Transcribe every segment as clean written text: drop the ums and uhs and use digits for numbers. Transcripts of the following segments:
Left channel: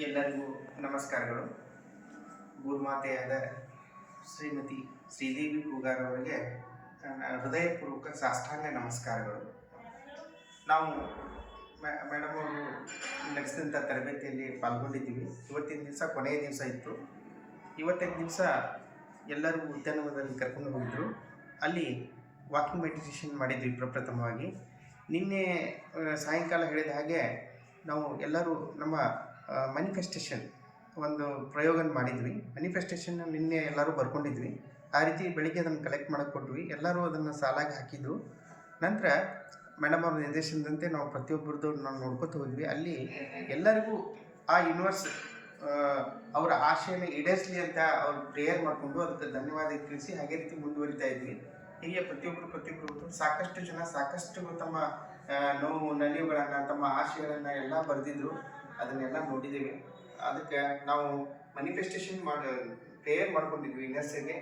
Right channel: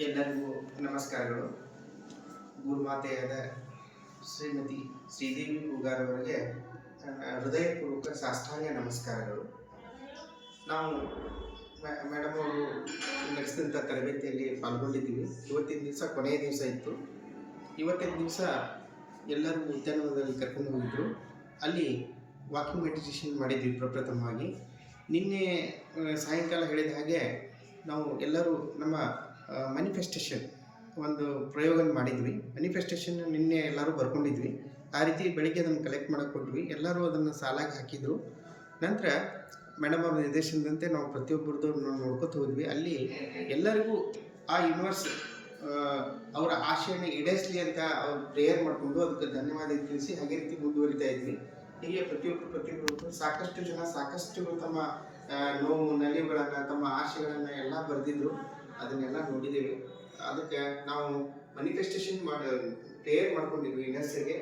ಎಲ್ಲರಿಗೂ ನಮಸ್ಕಾರಗಳು. ಗುರುಮಾತೆಯಾದ ಶ್ರೀಮತಿ ಶ್ರೀದೇವಿ ಪೂಗಾರ್ ಅವರಿಗೆ ಹೃದಯಪೂರ್ವಕ ಸಾಷ್ಟಾಂಗ ನಮಸ್ಕಾರಗಳು. ನಾವು ಮೇಡಮ್ ಅವರು ನಡೆಸಿದಂಥ ತರಬೇತಿಯಲ್ಲಿ ಪಾಲ್ಗೊಂಡಿದ್ದೀವಿ. ಇವತ್ತಿನ ದಿವಸ ಕೊನೆಯ ದಿವಸ ಇತ್ತು. ಇವತ್ತಿನ ದಿವಸ ಎಲ್ಲರೂ ಉದ್ಯಾನವನದಲ್ಲಿ ಕರ್ಕೊಂಡು ಹೋಗಿದ್ದರು. ಅಲ್ಲಿ ವಾಕಿಂಗ್ ಮೆಡಿಟೇಷನ್ ಮಾಡಿದ್ವಿ ಪ್ರಪ್ರಥಮವಾಗಿ. ನಿನ್ನೆ ಸಾಯಂಕಾಲ ಹೇಳಿದ ಹಾಗೆ ನಾವು ಎಲ್ಲರೂ ನಮ್ಮ ಮ್ಯಾನಿಫೆಸ್ಟೇಷನ್ ಒಂದು ಪ್ರಯೋಗ ಮಾಡಿದ್ವಿ. ಮ್ಯಾನಿಫೆಸ್ಟೇಷನ್ ನಿನ್ನೆ ಎಲ್ಲರೂ ಬರ್ಕೊಂಡಿದ್ವಿ. ಆ ರೀತಿ ಬೆಳಿಗ್ಗೆ ಅದನ್ನು ಕಲೆಕ್ಟ್ ಮಾಡೋಕ್ಕೆ ಕೊಟ್ವಿ. ಎಲ್ಲರೂ ಅದನ್ನು ಸಾಲಾಗಿ ಹಾಕಿದರು. ನಂತರ ಮೇಡಮ್ ಅವ್ರ ನಿರ್ದೇಶನದಂತೆ ನಾವು ಪ್ರತಿಯೊಬ್ಬರದ್ದು ನಾವು ನೋಡ್ಕೊತ ಹೋದ್ವಿ. ಅಲ್ಲಿ ಎಲ್ಲರಿಗೂ ಆ ಯೂನಿವರ್ಸ್ ಅವರ ಆಶೆಯನ್ನು ಈಡೇರಿಸಲಿ ಅಂತ ಅವ್ರು ಪ್ರೇಯರ್ ಮಾಡಿಕೊಂಡು ಅದಕ್ಕೆ ಧನ್ಯವಾದ ತಿಳಿಸಿ ಹಾಗೆ ರೀತಿ ಮುಂದುವರಿತಾ ಇದ್ವಿ. ಹೀಗೆ ಪ್ರತಿಯೊಬ್ಬರು ಸಾಕಷ್ಟು ಜನ ಸಾಕಷ್ಟು ತಮ್ಮ ನೋವು ನಲಿವುಗಳನ್ನು ತಮ್ಮ ಆಶೆಗಳನ್ನು ಎಲ್ಲ ಬರೆದಿದ್ರು. ಅದನ್ನೆಲ್ಲ ನೋಡಿದ್ದೀವಿ. ಅದಕ್ಕೆ ನಾವು ಮ್ಯಾನಿಫೆಸ್ಟೇಷನ್ ಪ್ರೇಯರ್ ಮಾಡ್ಕೊಂಡಿದ್ವಿ. ಇನ್ನರ್ಸ್ಗೆ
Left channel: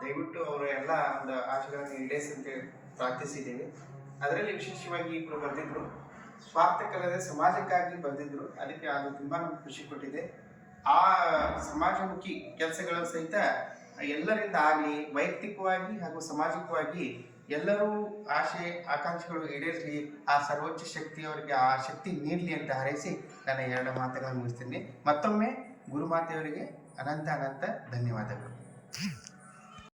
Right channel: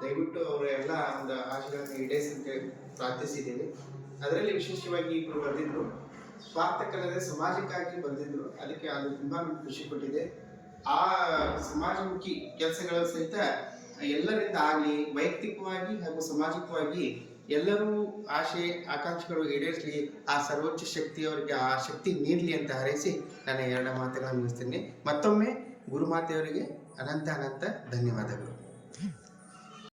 ದಯವಿಟ್ಟು ಅವರು ಎಲ್ಲ ಒಂದು ಆಶೆಗಳನ್ನು ಈಡೇರಿಸಂತೆ ಪ್ರಾರ್ಥಿಸಿದ್ದೀವಿ. ಅದರಲ್ಲಿ ವಿಶೇಷವಾಗಿ ಇಬ್ಬರು ಬರೆದಿದ್ರು, ಸ್ವಾರ್ಥಕ್ಕಲ್ಲದೆ ಸಮಾಜಕ್ಕಾಗಿ ಬರೆದಿದ್ರು. ಅದಕ್ಕೆ ಅದು ತುಂಬ ನಮ್ಗೆ ಖುಷಿ ಕೊಟ್ಟಿದೆ. ಆ ಸಮಾಜಮುಖಿ ಕೆಲಸಗಳ ಸಹಿತ ಎಲ್ಲರಿಂದ ಆಗಲಿ, ವೈಯಕ್ತಿಕವಾಗಿ ಹಾಗೂ ಸಾಮಾಜಿಕವಾಗಿ ಎಲ್ಲರೂ ಆಶೆ ಆಕಾಂಕ್ಷೆಗಳು ಈಡೇರಿಸಲಿ, ಆ ಸರ್ವೋಚ್ಚ ಶಕ್ತಿಯವರಿಗೆ ಆ ಶಕ್ತಿ ನೀಡಲಿ ಅಂತ ಹಾರೈಸಿ ನನ್ನ ಎರಡು ಮಾತುಗಳನ್ನು ಮುಗಿಸ್ತೀನಿ. ಮತ್ತೊಮ್ಮೆ ಗುರುಮಾತೆಯವರಿಗೆ ಅನಂತ ಧನ್ಯವಾದಗಳು.